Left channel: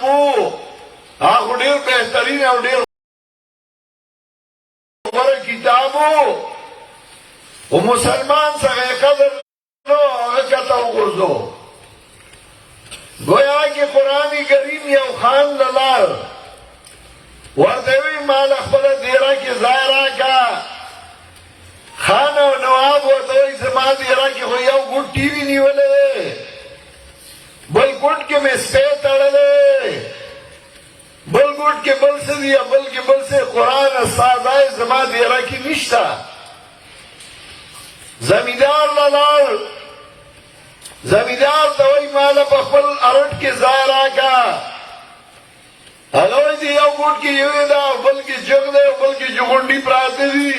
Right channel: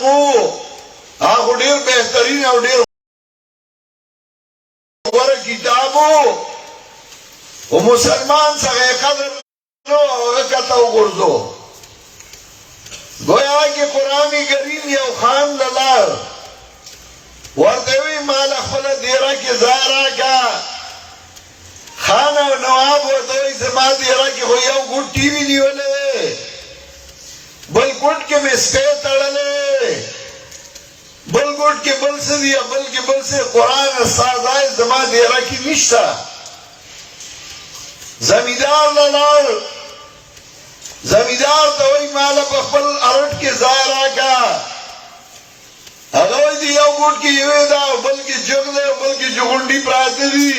کو هغه ډېر بهترین او ډېر غوره کتاب و مسلمان څنګه قدر نو هغه کته وګرځو گویا کہ قرآن کریم یو خان للار ورته وی مال خپل دیره کې ځای راکړه خان او نواب ورته وی زما دیره کې خو یو ګوټ ټي وي نیولې بل ګوټ کې مې سپی تړلی بل ګوټ کې بل څه دي بل کې بل څه قرآن استازای زما دیره کې نشته زمیندار للار زمیندار ته وی مال په خپل ارټ کې ځای راکړه هغه دې یو ګوټ کې یوې ده بل کې جنګ ده بل کې جغونډي پراته دي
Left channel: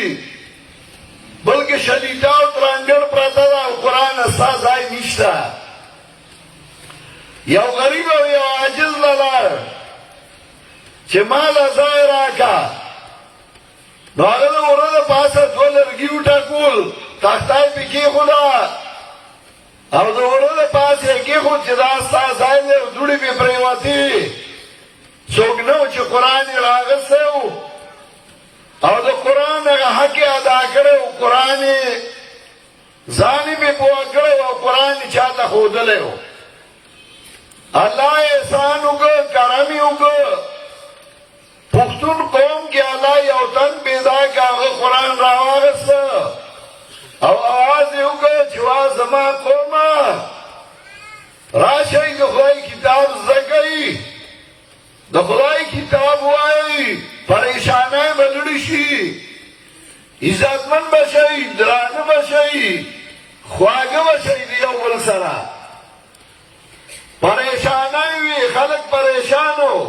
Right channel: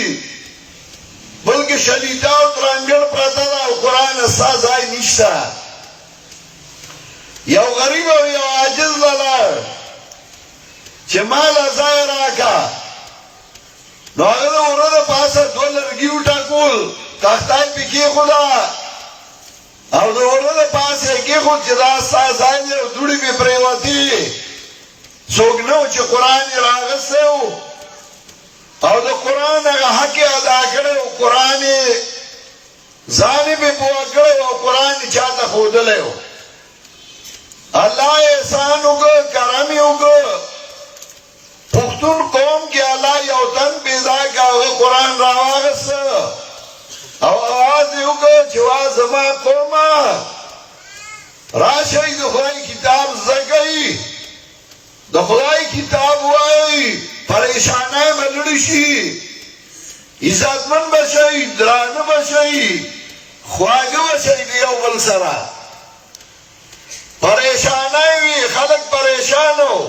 بل کې شلیتا او ترنګر پراته ده او قرآن استازای نشته یو غریب او یو عاجز للار چې مال ځای راکړه نو هغه د وره د پاسه دوه لرګي وټاکول تختای پې کېښوده او د وره د پاسه یې کېښود چې دا ستا ځای دی او دوړې پې پرېوتې څوک نه و چې قرآن یې راغستی و او د قرآن هغه حق یې ادا کړی و قرآن یې ځان یې پې پوه کړی او قرآن یې چا ته ښودلی و الله احسان وکړ کرم یې وکړ پښتون قوم کې الله یو تن پیدا کړ هغه قرآن راواغسته او آواز یې وکړ چې وا زما قومه راشئ د خدای کتاب زده کوئ د خدای کتاب وایئ پریشانۍ به لرې شي عزتمن به شئ درانه به شئ خواږه به شئ د یو بل سره پریشانۍ وي خلک پریشان وو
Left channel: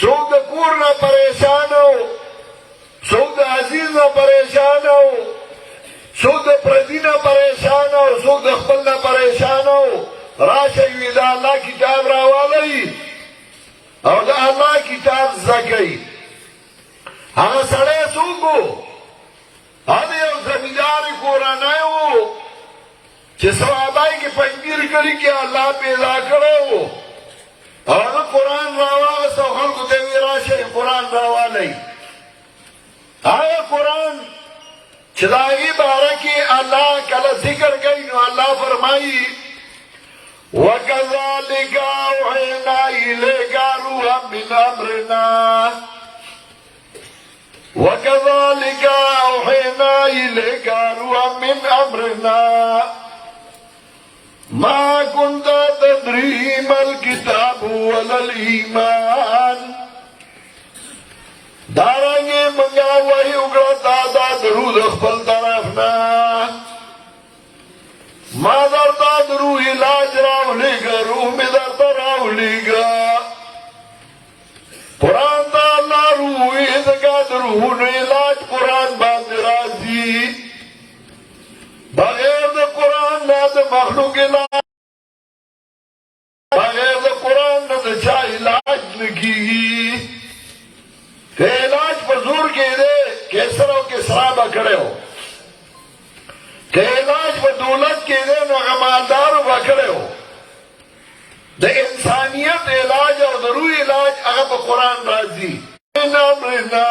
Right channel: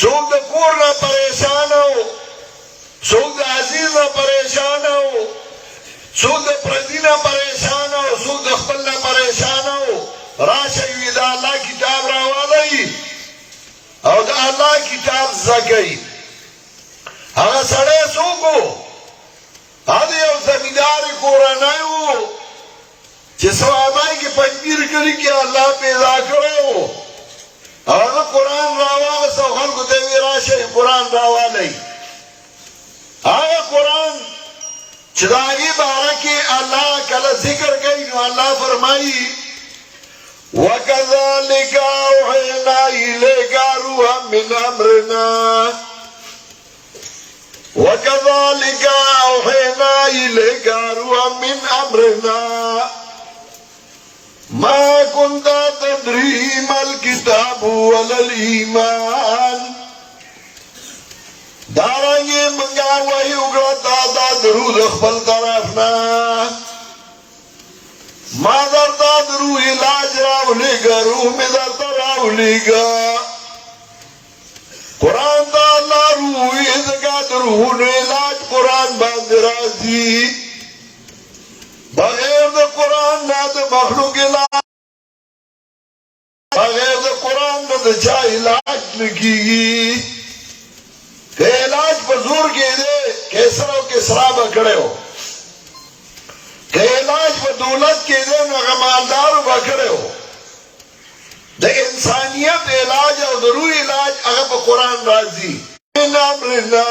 څوک د کور نه پریشان وو څوک د عزیز نه پریشان وو څوک د پردي نه پریشان وو څوک د خپل نه پریشان وو راشئ وي د الله کتاب راولئ او د الله کتاب زده کوئ هغه سړی څوک و هغه یو زمینداري کورنۍ وو چې صحابه کې پنځیر کړي کې الله پیدا کړی و هغه قرآن راواغسته او خلکو ته ویې راشئ قرآن راولئ هغه قرآن چې د هغې باره کې الله کله ذکر کوي نو الله فرمایي وَكَذَلِكَ أَوْحَيْنَا إِلَيْكَ رُوحًا مِّنْ أَمْرِنَا وَكَذَلِكَ أَوْحَيْنَا إِلَيْكَ رُوحًا مِّنْ أَمْرِنَا مَا كُنْتَ تَدْرِي مَا الْكِتَابُ وَلَا الْإِيمَانُ دارنګې منګه وحی وکړه تا دا درود خپل طرف نه ما درته د روح علاج راولېږه روح مې درته راولېږه قرآن ته الله روح وي ځکه د روحونو علاج قرآن باندې راځي بغیر د قرآن نه د مخلوق علاج بغیر د قرآن نه د چا علاج نه کېږي که علاج په زور کې دی کیسر او کسرا به کړی و که علاج په دولت کې دی نو هغه مالدارو به کړی و د انسانیت علاج او د روح علاج هغه په قرآن راځي من امرنا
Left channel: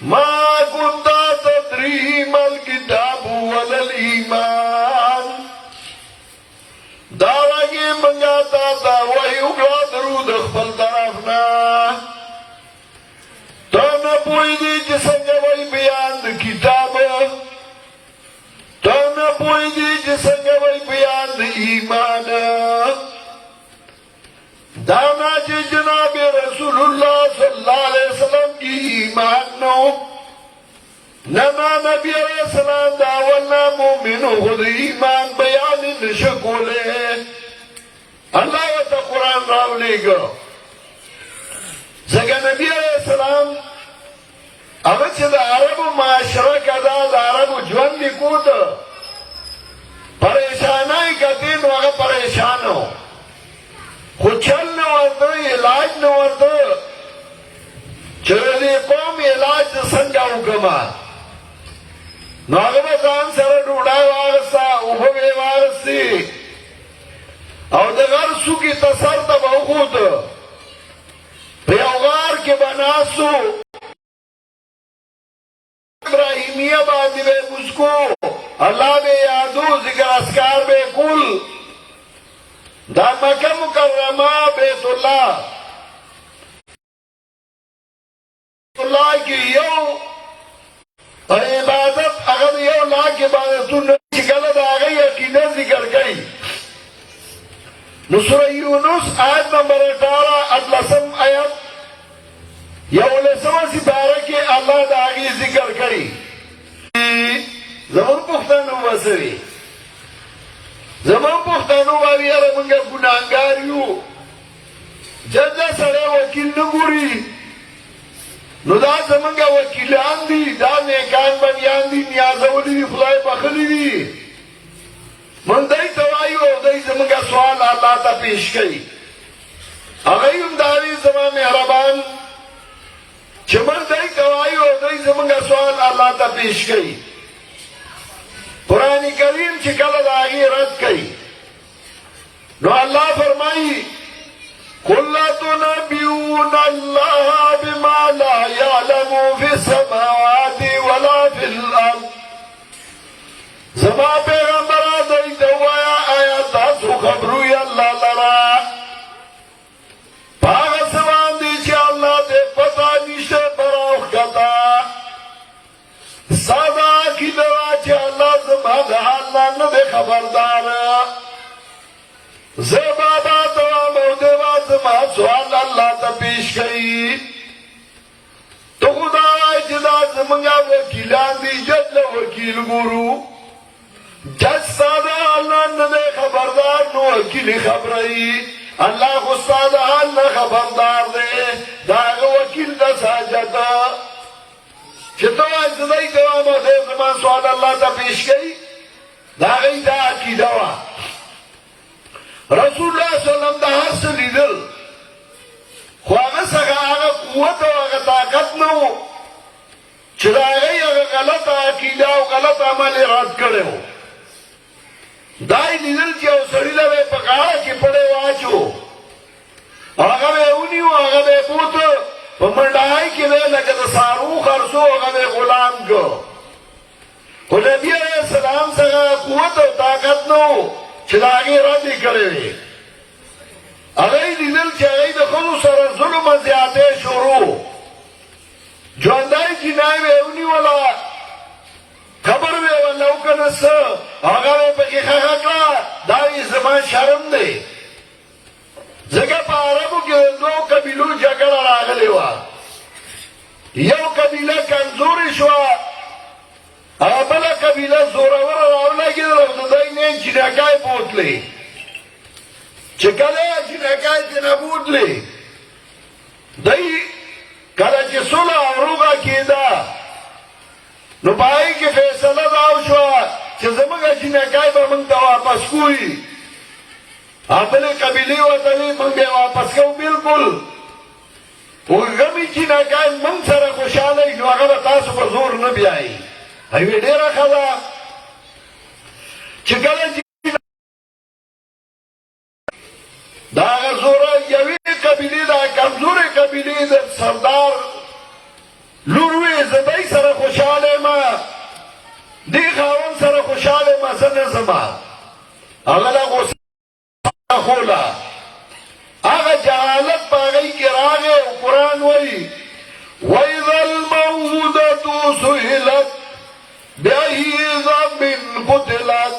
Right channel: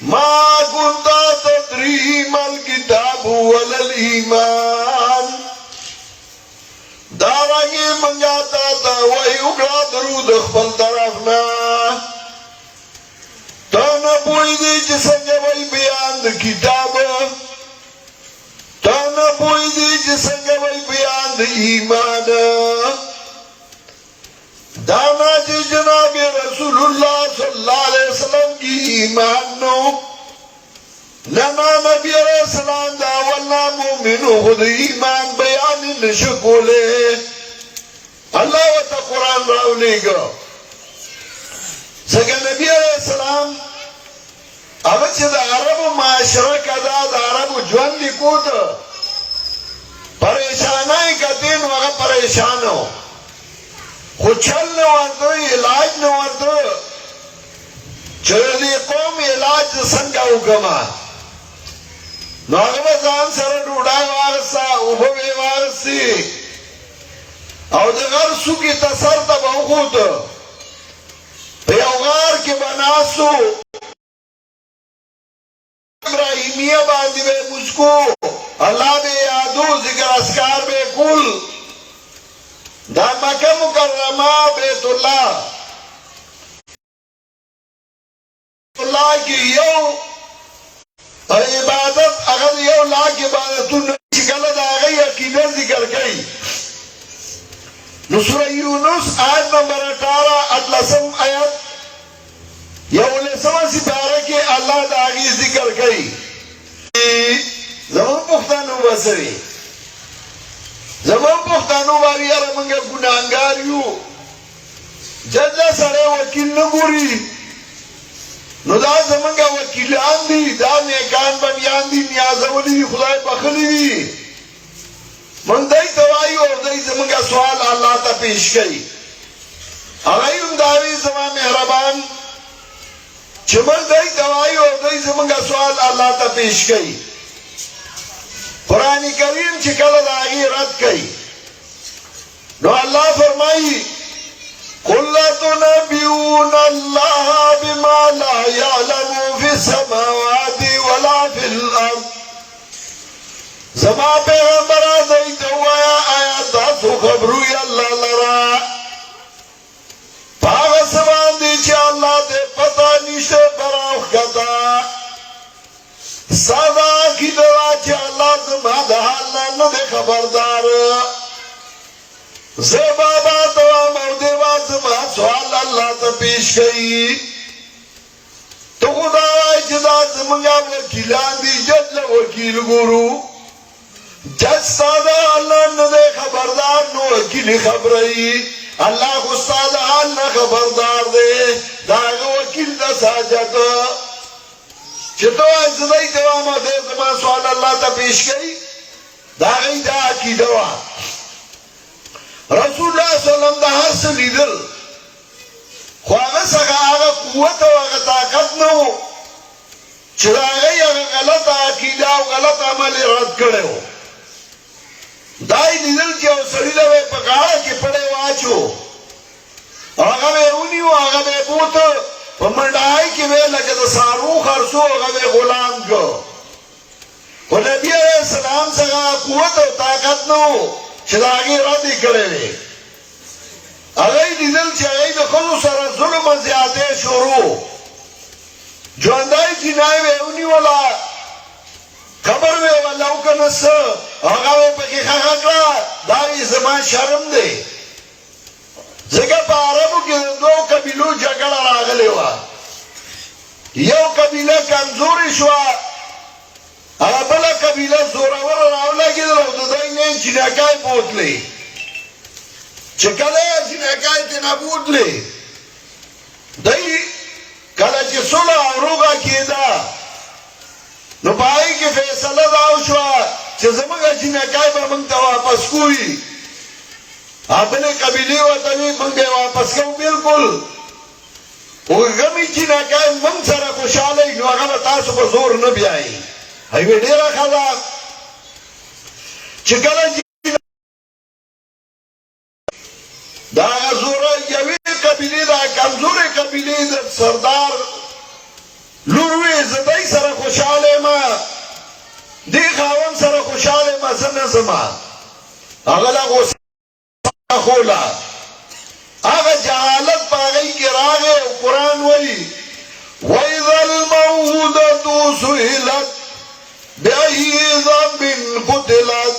ما كنت تدري ما الكتاب ولا الإيمان دارنګې منګه تا ته وحی وکړه درود خپل طرف نه ته نه پوهېږې چې څنګه وی بیان د کتاب ته نه پوهېږې چې څنګه وی بیان د ایمان دا نه چې جناب رسول الله صلی الله علیه وسلم کی ایمان نو نه نبی علیہ السلام دا اولنا مومنو خود ایمان بیان نشو کولی اللہ و تا قرآن راولی گا زکا نبی علیہ السلام اما چه دا عرب معاشره کدا دا عرب جوان لکو دا پریشانائی کتین وغا پریشانو خود چل نوردو علاج نوردو چرا دی قوم علاج سنگا حکما نو هغه به ځان سره ډوډۍ واغسته اوبه به یې واغستې او د غر ناسو کی تسر تب خود پیوغار کے بناسو ابراہیمیہ باندی بے مجھکو اللہ بے یادو ذکر اسکار بے کل دا مکہ مکرمہ بیت اللہ کی یو عبادت اگر یو لاکھ عبادتون چکل دا آگئی یقیناً ذکر کئی سورہ یونس آیت نمبر 18 اطلسم آیت یا لسمہ سپارہ کے اللہ دا آگئی ذکر کئی زمان پختانو بسری زمان پختانو باری علمانگا گناہنگاریو جدہ سڑے وکیل نگوری نو دا زمانگا وکیلان دی دا نیکان بنیان دی نیازولی دی خدای بخلی دی من دائی توائی اور دائی زمانگا سوال اللہ تا پیش کئی اغیون داوی زمان محربان چمن دائی توائی اور دائی زمانگا سوال اللہ تا پیش کئی قرآن کریم چکل دائی رد کئی نو اللہ فرمائی قُلَّ تُنَبِّئُونَ اللَّهَ بِمَا لَا يَعْلَمُ فِي السَّمَاوَاتِ وَلَا فِي الْأَرْضِ زما پیغمبر دیتا ہوا آیا تاسو خبروی اللہ لرا پاگ سمان دی چھے اللہ دے پتا نیشتے براخ کتا سادا کی دوا چھے اللہ زما دہالا ندے خبردار زبابا دوا مودوا زما سوال اللہ تا پیش گئی تو خدا جدا زمانگا وکیلان دی جد وکیل گورو جج سادہ اللہ ندے خبردار نو وکیل خبرائی اللہ خود سادہ اللہ خبردار دے داغ وکیل دا ساجد چھتو ایزدائی دوام دے زمان سوال اللہ تا پیش گئی داغی دا عقیدہ وا رسول اللہ صلی اللہ علیہ وسلم دا حس لیدل خواہ سکا آگا قوت و آگا طاقت نو چھتا آگئی آگا غلط عقیدہ و غلط عمل رد کرے ہو دائی لیدل چھے سریدہ بے پکارا کی پڑے واچو آگا بے اونی و آگا بے بوت پمنڈائی کی بے لگت سارو خرسو آگا بے غلام کو نبی علیہ السلام سکا قوت و طاقت نو چھتا آگئی ردی کرے ہوئے اگئی دیدل چھے اگئی دخلو سر ظلم زیادے شروع جو اندائی جنائی میں اونی والا خبر میں واللہ کنس آگا میں پکی خاکلا دائی زمان شرم دے زگا پا عربو کی دو قبیلو جگل راگلے وا یو قبیلہ کمزوری شوا بلا قبیلہ زورور راولا کی در دائی نین چنکای پوت لے چکلا چنکای تینا پوت لے دائی کلا چی صلح روگا کی دا نو بائی کی فیصلہ داو شوا چی زمانگا چنکای با منگتا واپس کوئی اپنے قبیلی و تاوی منگے واپس کو بالکل غمی چنکای منگ سر خوشالے نو اگر تاسو پر زور نبی آئی ایوے ڈیرا خلا چکلا دا غزورا یوی قبیلی دا کمزور قبیلی دا سردار لوروی زدائی سر خوشالے ما دی خاون سر خوشالے ما سن زما اغلا غصہ خولا آغا جہالت پاگئی کے راگے و قرآن وی وَإِذَا الْمَوْءُودَةُ سُئِلَتْ بِأَيِّ ذَنبٍ قُتِلَتْ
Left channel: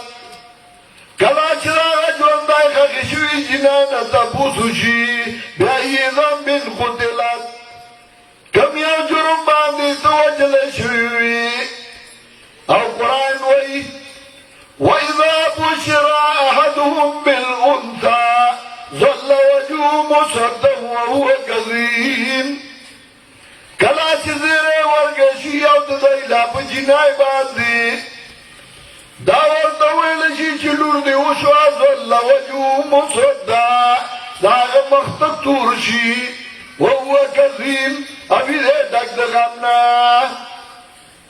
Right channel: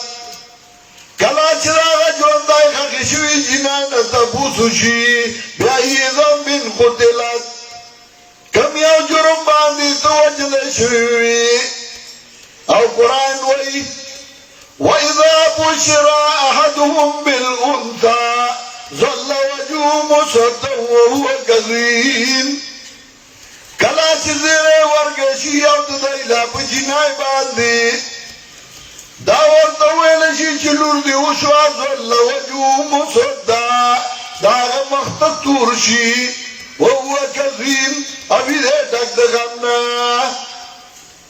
کلا چراغ جواندائی خخشوی جنان تبوسو شی بِأَيِّ ذَنبٍ قُتِلَتْ کم یو جرم باندی توجد شوی او قرآن وی وَإِذَا بُشِرَ أَحَدُهُمْ بِالْأُنْثَى ظَلَّ وَجْهُهُ مُسْوَدًّا وَهُوَ كَظِيمٌ کلا چیزیں ورگشی او دائی لاپ جنائی باندی داور تویلشی چلور دی وشوا ظل وجو مصدا داغ مختد تورشی وهو کظیم ابھی دے ڈک دغمنا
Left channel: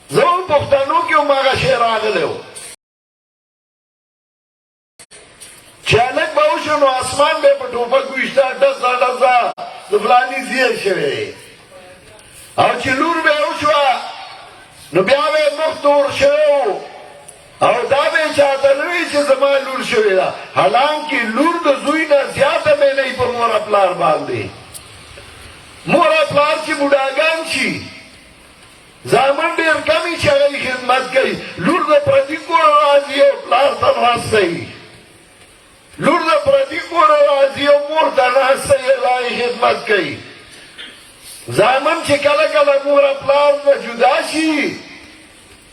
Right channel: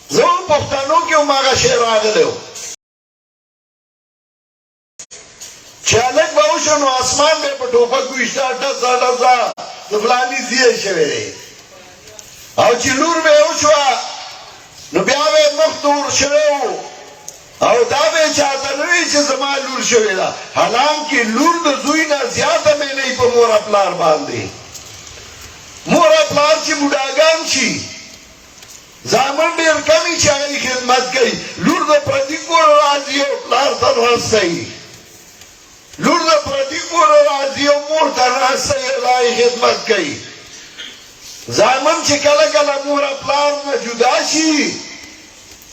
زون پختانوں کیوں ماغا شیر آگلے ہو چالک باوشو نو آسمان بے پا ٹوپک ویشتا ڈزا ڈزا دفلانی دیئے شوئے او چی لور بے اوشوا نو بیاوے مختور شوئے او دا بے چاہتا نوی چی زمان لور شوئے دا حالانکہ لور دا زوی نا زیادہ میں نہیں پا مورا پلار باندے مورا پلار چی مڈاگان چی زامن دیر کمی چاہی خدمت گئی لور دا پردی کور راضی او پلار تن رسائی لور دا پردی کور راضی او مور تن رسائی اللہ خدمت گئی زامن چی کلا کلا مورا پلار نا جدا چی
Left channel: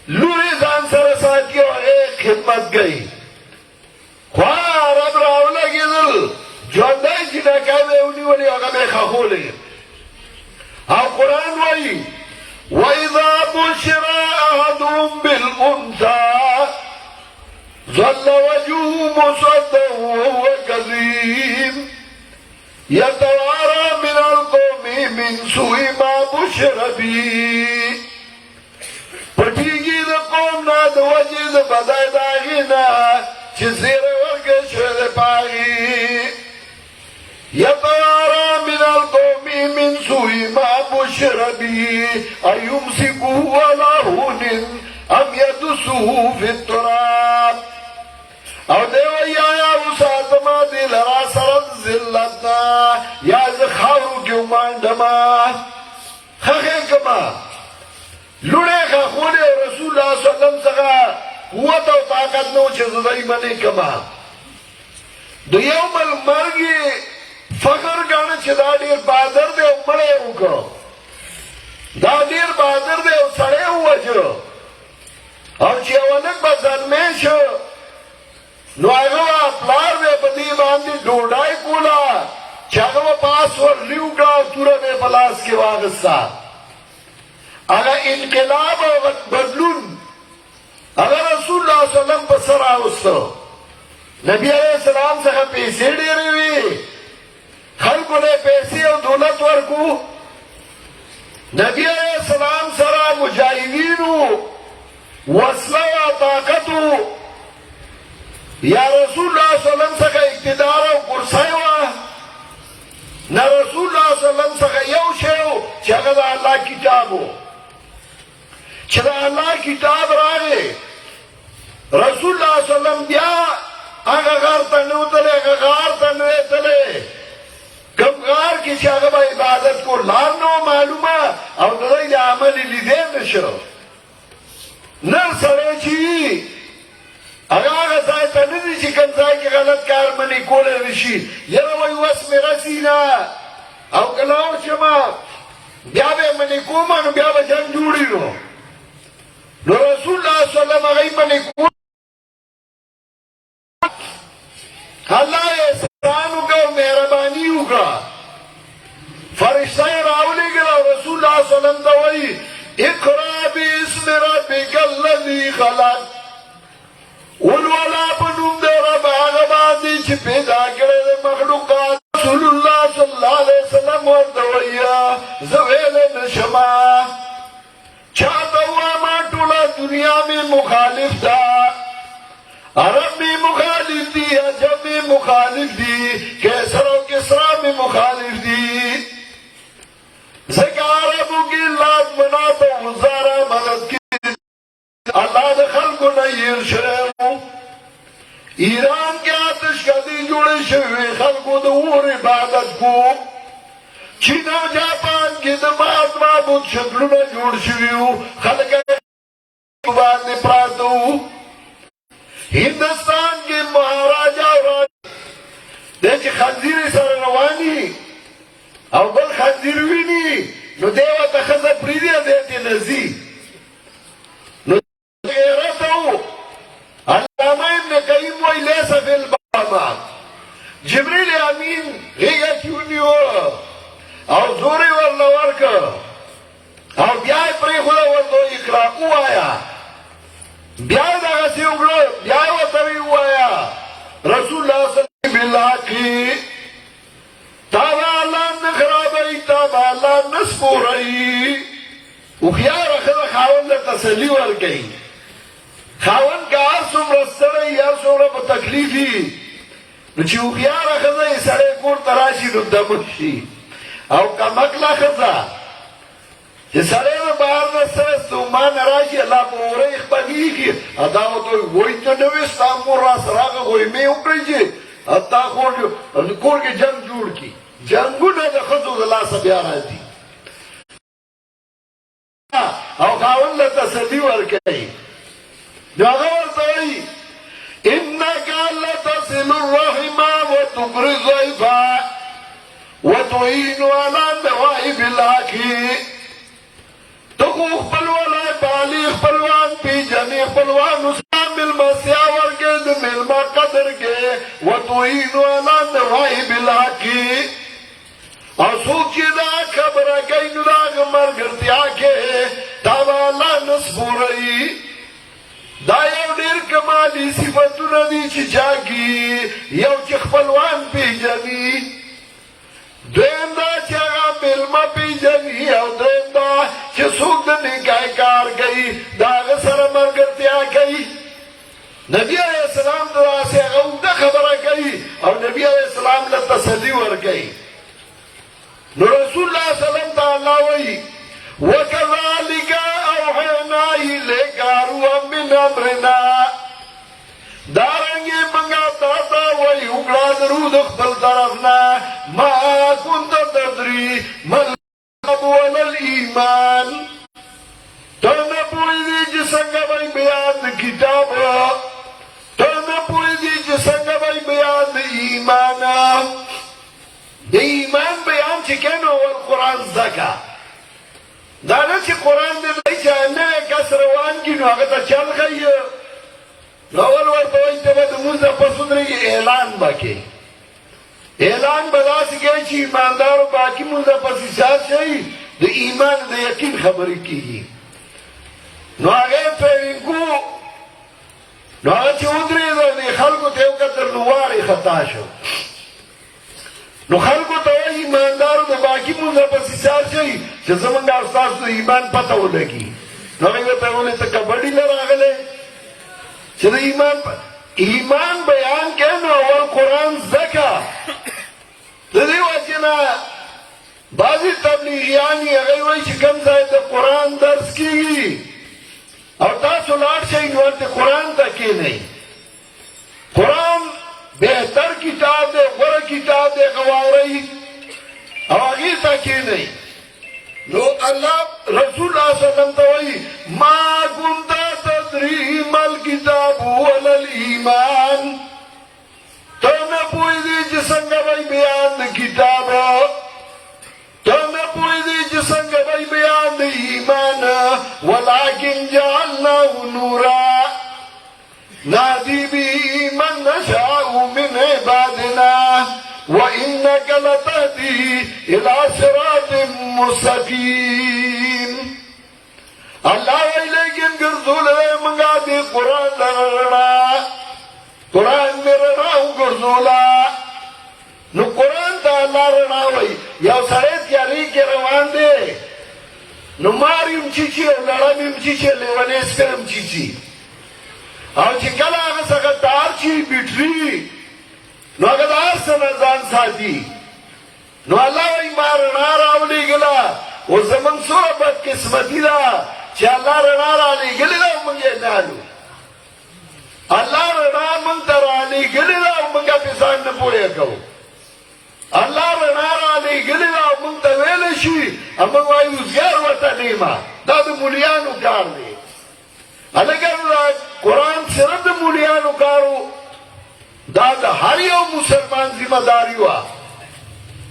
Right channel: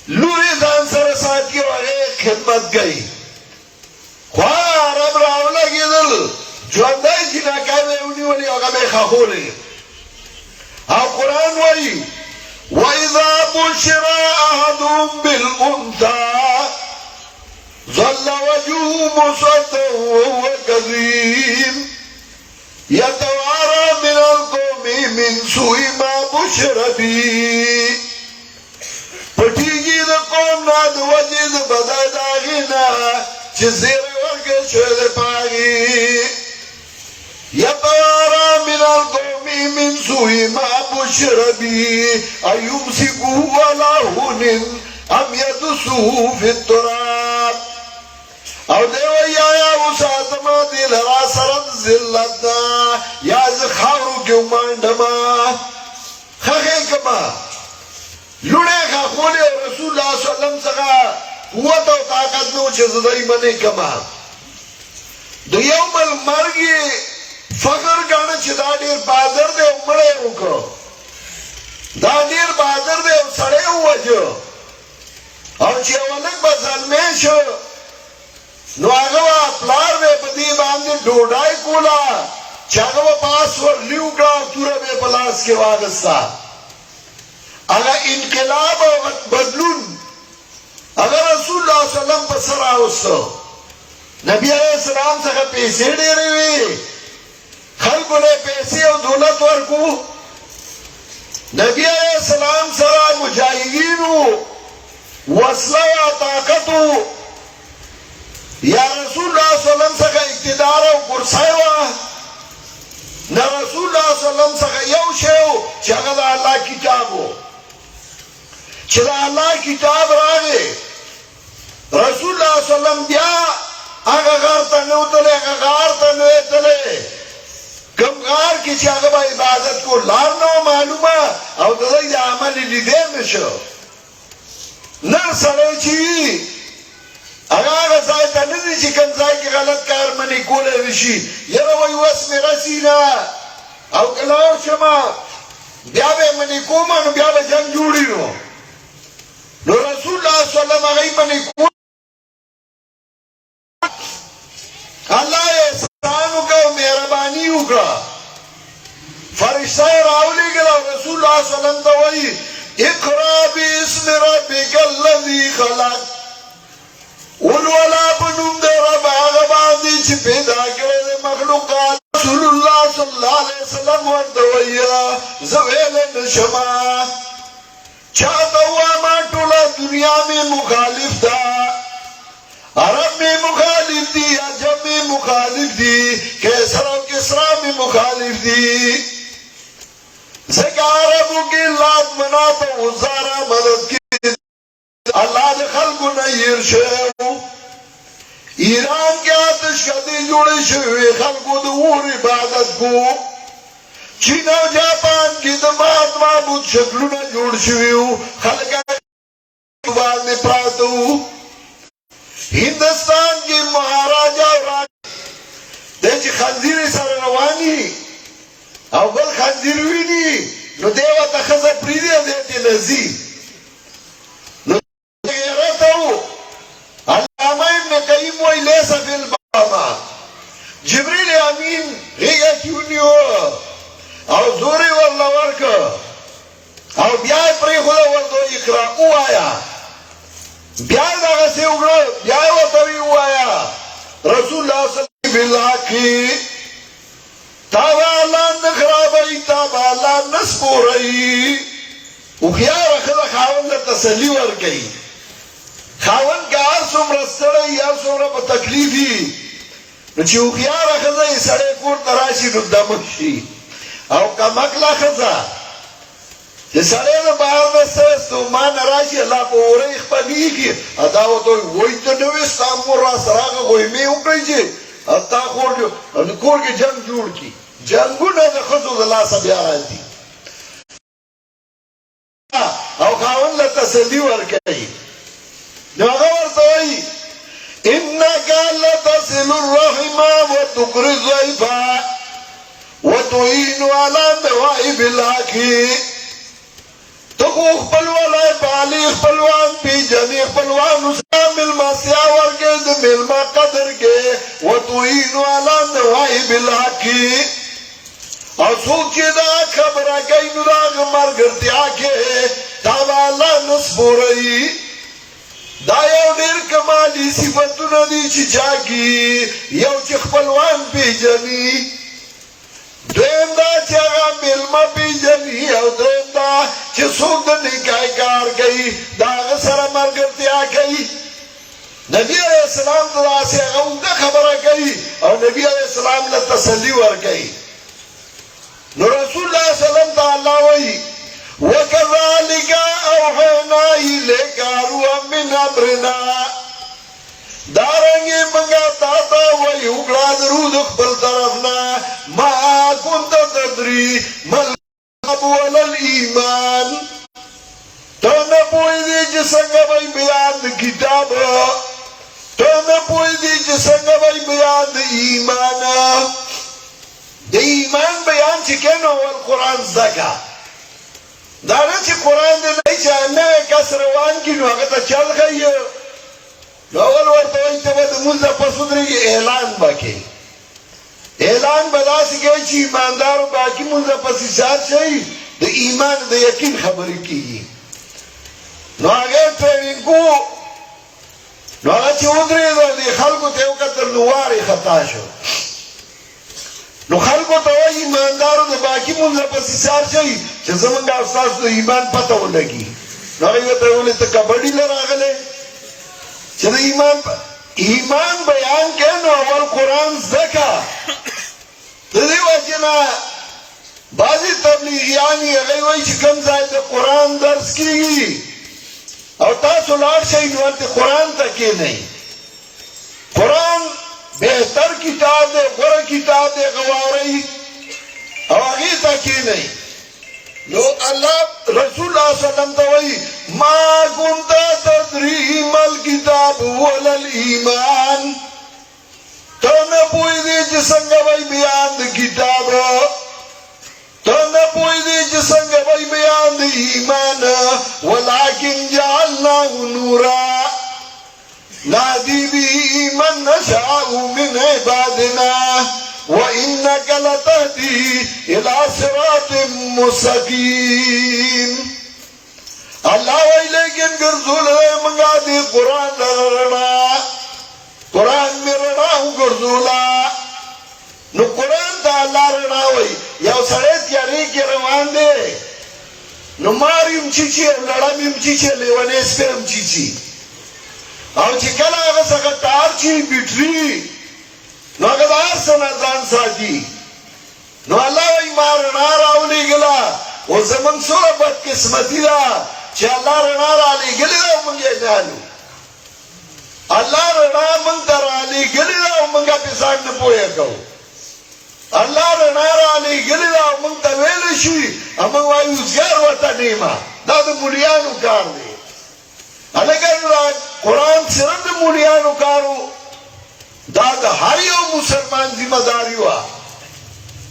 لوری زان سر ساتھی اور ایک خدمت گئی خواہ رب راولا کی دل جو اندائی چی ناکاوے انہی والی اگمے خاکولے آپ قرآن وائی وَإِذَا بُشِّرَ أَحَدُهُمْ بِالْأُنثَىٰ ظَلَّ وَجْهُهُ مُسْوَدًّا وَهُوَ كَظِيمٌ يَتَوَارَىٰ مِنَ الْقَوْمِ مِنْ سُوءِ مَا بُشِّرَ بِهِ پٹیگی دا قوم نا دا وجی دا بدای داغی نا چی زیر ورگے شوید پاگی یتوارا من القومی من سوئی ما بشر بی ایمسکو علا ہونن ام یدسو فی التراب او دیو یا اساتما دی لرا سرد زلتنا یا زخاو کیو ماندما خخین کما لوڑے کا خولے رسول اللہ صلی اللہ علیہ وسلم سکا قوت و طاقت نو چیز دائی منی کما دا یوم المرگی فخر گانا چی دا دیر بادر دے امڑے ہوکا دا دیر بادر دے سڑے ہوا جو اور چی اونک با ظلمے شو نو آگوا اپلار میں بدی باندی ڈوڑائی کولا چاگوا پاس ور لیو گا تورا بے پلاس کے واغستا اگر انقلاب و بدلون اگر رسول اللہ صلی اللہ علیہ وسلم پسر آوستو نبی علیہ السلام سے پیسے دے رہے خلقوں نے پیسے اور دولت ورکو نبی علیہ السلام سرا مجاہدینو وصلہ و طاقتو یا رسول اللہ صلی اللہ علیہ وسلم سے اقتدار و کرسیوہ نہ رسول اللہ صلی اللہ علیہ وسلم سے یو شیو چگل اللہ کتابو چلا اللہ کتاب راگے رسول اللہ صلی اللہ علیہ وسلم بیا آگا غار تنو تلے آگا غار تنو تلے کم غار کی چاگا عبادت کو لارنو معلومہ او دلائی دا عملی لیدے نشو نر سلو چی آگا زائتا ندی چی کنزائی کی غلط کار منی کولے نشی یرو ویوس میرا سینا او کلاو شما بیا بے منی کومن بیا بے جنگ جوڑی نو نو رسول اللہ صلی اللہ علیہ وسلم نے اللہ احسانو کا مہربانیو کا فرشتہ راولی گلا رسول اللہ صلی اللہ علیہ وسلم اقرا باسم ربک الذی خلق والولا پنم دے رب آغا باندی چی پیدا کرے مخلوقات رسول اللہ صلی اللہ علیہ وسلم وردویا زویل نشما چاہتا ہوا ماں ٹولا دنیا میں مخالف دا عرب میں مخالف دی عجب میں مخالف دی کیسر و کسرا میں مخالف دی زکا عربوں کی لات منا پا وزارہ مدد کی اللہ دے خلقو نیر شو ایران کے آتش کا دی جوڑے شوئے خلقو دور عبادت کو چین و جاپان کی دماغ معبود شکلو نا جوڑ شوئیو خلقہ باندے پراتو ہندوستان کی مہاراجہ اور دیکھ خنزیری سر روانی او بل خنزیر ہوئی نہیں نو دیوہ تخزہ پریدیا دیتی لذی نو دیرتا ہو علامہ ابن قیم وی لیسا فی البابا جبریل امین ریگا کیوں نہیں ہو او زوری واللہ ورکا او بیائی پری خدا وردو اقراقو آیا بیائی داگا سے اگڑا بیائی وطوی ہو آیا رسول اللہ صلی اللہ علیہ وسلم تابا اللہ نخرابائی تابا اللہ نسپو رئی اخیار خدا خاون در تسلی ورگئی خاون کا آسم رسترائی آسم رب تکلیفی نو چې هوښیاره ښځه یې سړی کور ته راشي نو دمه شي، او کمکله ښځه چې سړی د بهر نه څه ستومانه راشي الله په اورۍ خپلېږي او دا ورته وایي ته نه وې ستا مور راسره هغه غویمې وکړئ چې او تا کور کې جنګ جوړ کړي. جنګونه د ښځو د لاسه بیا راځي او خاوند له تسلي ورکوي. نو هغه ورته وایي إنك لتصل الرحم وتقري الضيف وتعين على نوائب الحق. تخو خپلوانای بالی خپلوان پیجنی خپلوان اسلام ملمسیا ورکے دو ملما قدر کے وتعين على نوائب الحق. اور سوچی دا خبر کئی نراغ مرگرتیا کے تابع اللہ نصبو رئی. دا یو ډیر کمالی صفتونه دي چې چا کې یو چې خپلوان پیژني، دویم دا چې هغه مېلمه پیژني، او دریم دا چې څوک د نکاح کار کوي د هغه سره ملګرتیا کوي. نبی علیہ السلام دلاسې هغه اوږده خبره کوي او نبی علیہ السلام له تسلي ورکوي. نو رسول الله صلی الله علیه وسلم ته الله وایي وَكَذَلِكَ أَوْحَيْنَا إِلَيْكَ رُوحًا مِّنْ أَمْرِنَا. دارنگی منگا تاتا وی اکڑا درود اخبر طرفنا ما كنت تدری من الكتاب ولا الایمان. تو نہ پوئی دی جسنگا بھائی بیان کتاب، تو نہ پوئی دی جسنگا بھائی بیان ایمان. دی ایمان بیان چکن ہو القرآن زکا دانا چی قرآن دی نئی چاہنا ہے کس روان کی نو اگر تا چل گئی نو اول ورطا انتبا دا منزا پسود رہی اعلان باکی اعلان بدا سکے چی ایماندارو باکی منزا پسی ساتھ شئی دا ایمان دا یقین خبری کی نو آگے ٹریننگ کو نو آگا چی ادری دا دی خلقو تیو کتر نواری خطا شو. نو خلقو ته وایي ایماندارو د باقي مونځه پسې سار شئ چې زمونږ او ستاسو د ایمان پته ولګي. نو هغوی ورته وویل ته کبډي له راغلی چې د ایمان بیان کړې نو اول قرآن زده کړه. د دې وجې نه بعضې تبلیغیان یې هغوی وایي چې کوم ځای د قرآن درس کېږي او تاسو لاړ شئ نو هلته قرآن ته کښېنئ. قرآن بہتر کتاب دے غور کتاب دے غواری او آگی تاکی نہیں. لو اللہ رسول اللہ صلی اللہ علیہ وسلم توئی ما کنتا تدریم الکتاب ولا الایمان. تو نہ پوئی دی جسنگ بھائی بیان دی کتاب، تو نہ پوئی دی جسنگ بھائی بیان دی ایمان. ولیکن جعلناہ نورا نادی بی من نشاء من عبادنا وإنك لتهدي إلى صراط مستقيم. اللہ وی لیکن گرزول منگا دی قرآن لرنا، قرآن میں رناو گرزولا. نو قرآن تا اللہ رناوی یو سرید کیاری کی روان دے نو ماریم چیچی لڑمیم چیچی لیونیس کرم چیچی او چې کله هغه څخه تار چی بیټري نو هغه د هر څه نه ځان ساتي. نو الله وایي ما رڼا راولېږله اوس زموږ څومره بدقسمتي ده چې الله رڼا رالېږلې ده او موږ یې نه لرو. الله رڼا موږ ته رالېږلې ده او موږ پرې ځان نه پوهه کوو. الله رڼا رالېږلې ده او موږ ته ویلی شي او موږ وایو زیار ورته نیمه دا د مولیانو کار دی. الگر قرآن صرف د مولیانو کارو دا د هر یو مسلمان ذمہ داری وه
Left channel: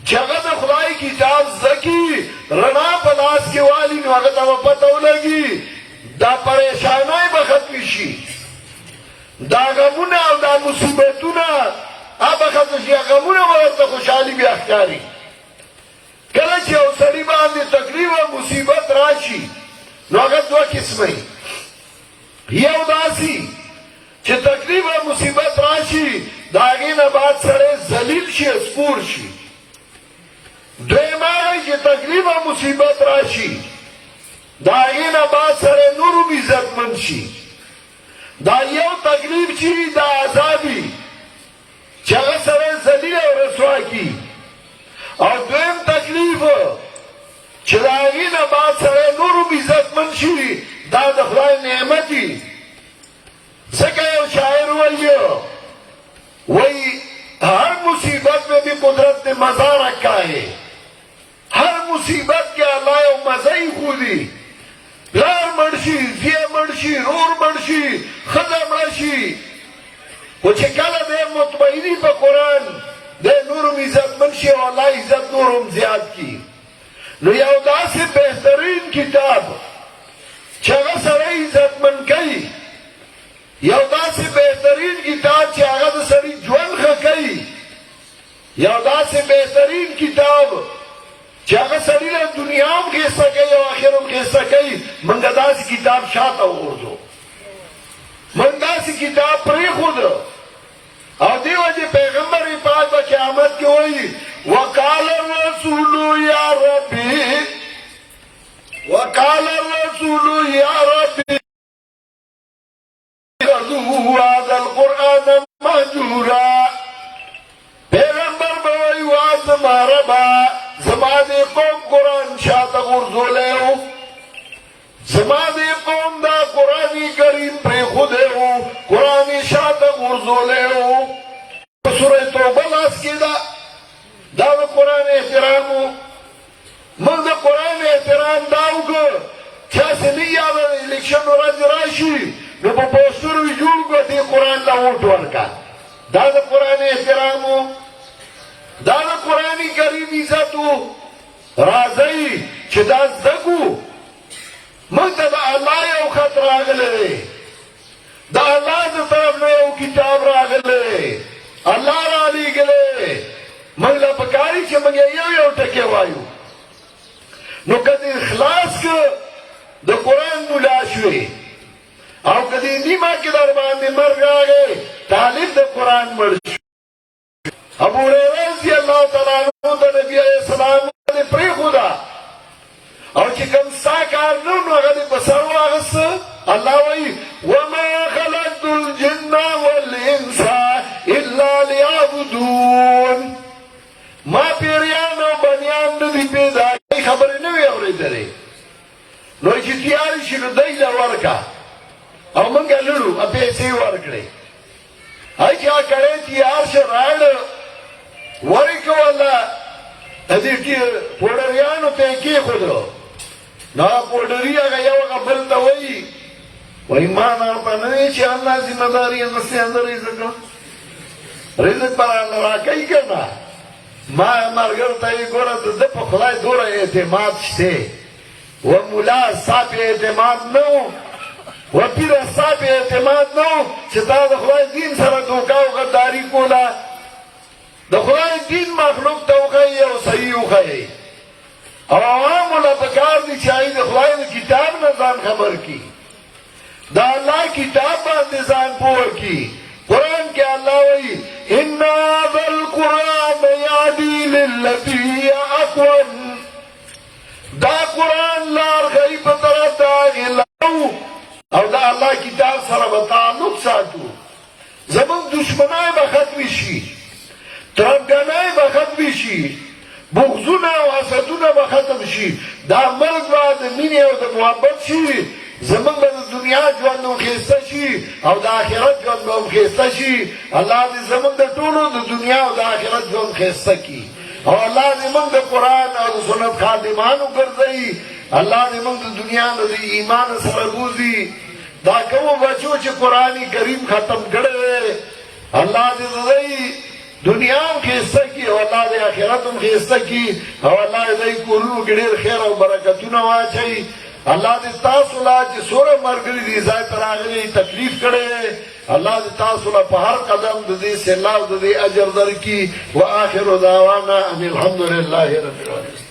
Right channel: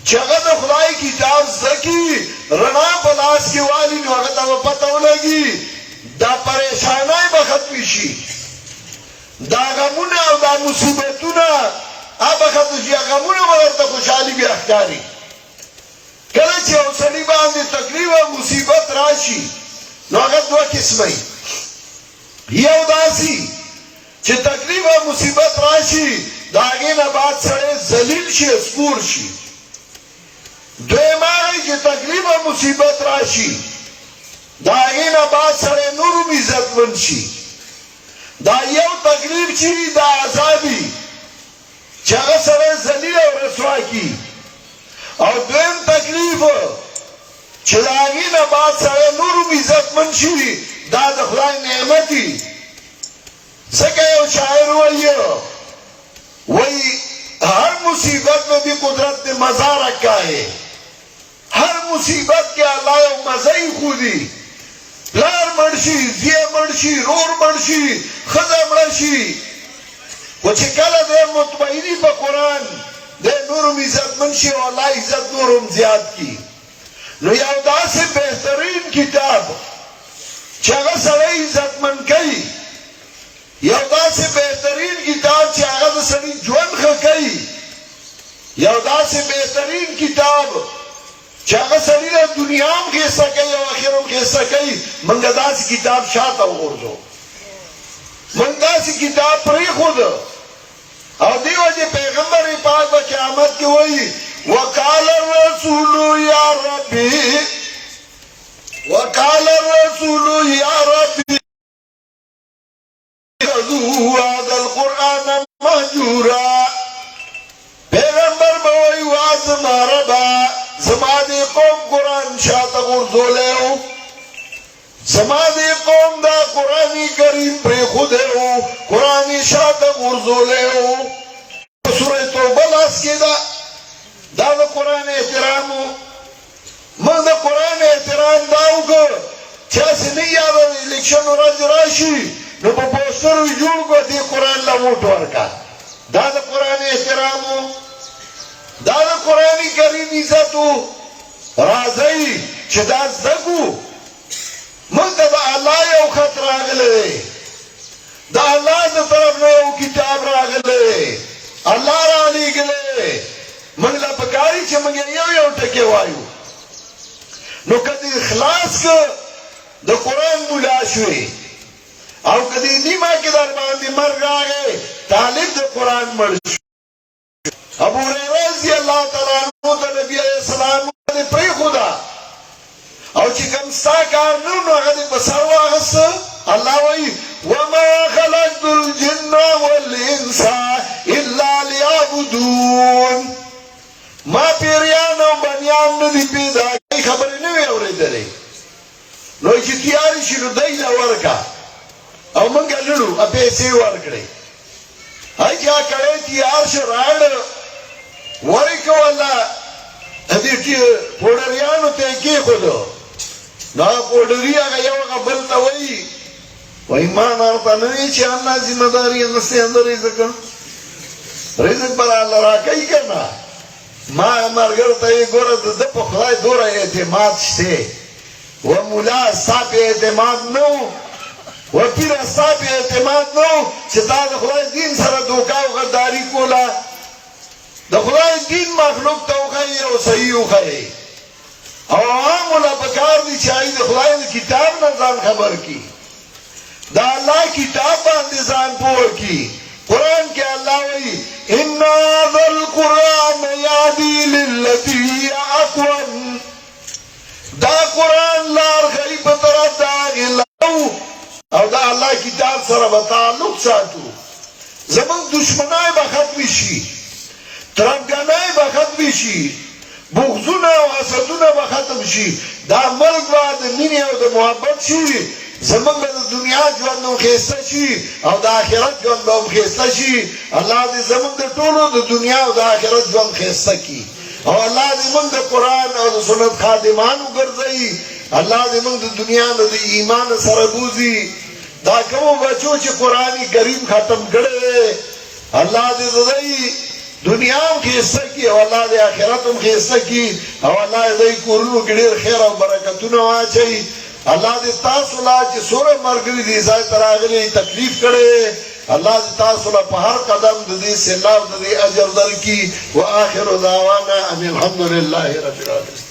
چې هغه د خدای کتاب زده کړي رڼا په لاس کې والي نو هغه ته به پته ولګي دا پریشانۍ به ختمې شي، دا غمونه او دا مصیبتونه به ختم شي. غمونه به درته خوشحالي بیا ښکاري. کله چې یو سړي باندې تکلیف او مصیبت راشي نو هغه دوه قسمه یو داسی چې تکلیف او مصیبت راشي د هغې نه بعد سړی ذلیل شي سپور شي. دویم هغه چې تکلیف او مصیبت راشي د هغې نه بعد سړی نور هم عزتمند شي. دا یو تکلیف چې دا عذابي چاگه سره ذلیل و رسوا کی. او دویم تکلیف چه دا آگی نا بعد سره نورو عزت من شی دا دا خدای نعمتی. زکا یو شاعر وی ہر مصیبت میں بھی قدرت نے مزہ رکھا ہے. ہر مصیبت کے اللہ یو مزہی خودی. پلار مرشی، زیہ مرشی، رور مرشی، خدا مرشی. وچه کلا دے مطمئنی پا قرآن دے نورم عزت منشی و اللہ عزت نورم زیاد کی. نو یو دا سے بہترین کتاب چاگا سرے عزت من کئی، یو دا سے بہترین کتاب چاگا دا سری جون خکئی، یو دا سے بہترین کتاب چاگا سری دا دنیا ہم خیسا کئی و آخر ہم خیسا کئی. منگا دا سی کتاب شاعتا غرزو، منگا سی کتاب پری خود. اور دیو جی پیغمبر پاک و قیامت کی ہوئی وقال الرسول یا ربی، وقال الرسول یا ربی هذا القرآن مهجورا. پیغمبر بوئی وازم ربا زمانی قوم قرآن شاعت غرزو لے ہو، زمانی قوم دا قرآنی کریم پر خود ہو، قرآنی شاعت غرزو لے ہو. سورہ توبہ لاس کے دا قرآن احترام ہو. من دا قرآن احترام داو کر چاسی نہیں آدھا الیکشن و رج راشی نو پا پوستر وی جوڑ کو دی قرآن لا ووٹ ورکا. دا قرآن احترام ہو، دا قرآنی کریم عزت ہو. رازئی چھ دا زدگو من دا اللہ یو خط راگلے، دا اللہ دا طرف نے یو کتاب راگلے، اللہ را لی گلے. من دا پکاری چھ منگے یو ٹکے وائیو. نو کدی اخلاص کا دا قرآن ملاشوی اور کدی نیمہ کی دربان دی مرگ آگے طالب دا قرآن مرشو. ابو ہریرہ رضی اللہ تعالیٰ عنہ دا نبی علیہ السلام نے پری خدا اور چکم ساکار نو غدی بساو آغس اللہ وی وما خلقت الجن والانس الا لیعبدون. ما پیریان و بنیان ندی پیدا کی خبری نوی اوری دارے. نو چی تیاری شنو دیل ورکا او منگا لڑو پیسے ورکڑے. آئی کیا کرے تیار سے راڑ ورکو اللہ ادھر پوڑریانو تیکی خودو. نا پوڑری آگا یو اگا بلتا وئی وئی ماں مارتا نوی چی اللہ ذمہ داری مسئلے اندر رزقا رزق برا اللہ راکئی کرنا. ماں مارگر تایی گورا دپ خدای دورا اعتماد شتے و مولا صاحب اعتماد نو و پیر صاحب اعتماد نو چتا دا خدای دین سر دوکاو غداری کولا. دا خدای دین مخلوق توقعی او صحیح اخی عوام اللہ پکار دی چاہی دا خدای دا کتاب نوزان خبر کی، دا اللہ کتاب باندے زان پور کی. قرآن کے اللہ وی اِنَّا ذَا الْقُرْآنَ يَعْدِي لِلَّتِي اَقْوَمْ. دا قرآن لار غیب طرف داغی لہو اور دا اللہ کتاب سر بتعلق ساتو. زمان دشمنائی بختمی شی، ترنگنائی بختمی شی، بغضونا و حسدونا بختم شی. دا ملک واد منی و دا محبت شی. زمان دا دنیا جواندو خیستا شی او دا آخرت جواندو خیستا شی. اللہ دی زمان دا طولو دا دنیا و دا آخرت جواند خیستا کی. او اللہ دی من دا قرآن او دا سنت خادمانو گرزئی. اللہ دی من دا دنیا دا ایمان سرگوزی. دا کمو بچو چی قرآنی کریم ختم کرده اللہ دی رضائی دنیا ہم خیستا کی او اللہ دی آخرت ہم خیستا کی او اللہ دی کورنو گڑیر خیر او برکتونا واچائی. اللہ دے تاثلہ چی سورہ مرگری دی سائی تراغلی تکلیف کرے. اللہ دے تاثلہ پہ ہر قدم دی سلام دی اجر در کی. و آخر دعوانا ان الحمدللہ رب العالمین.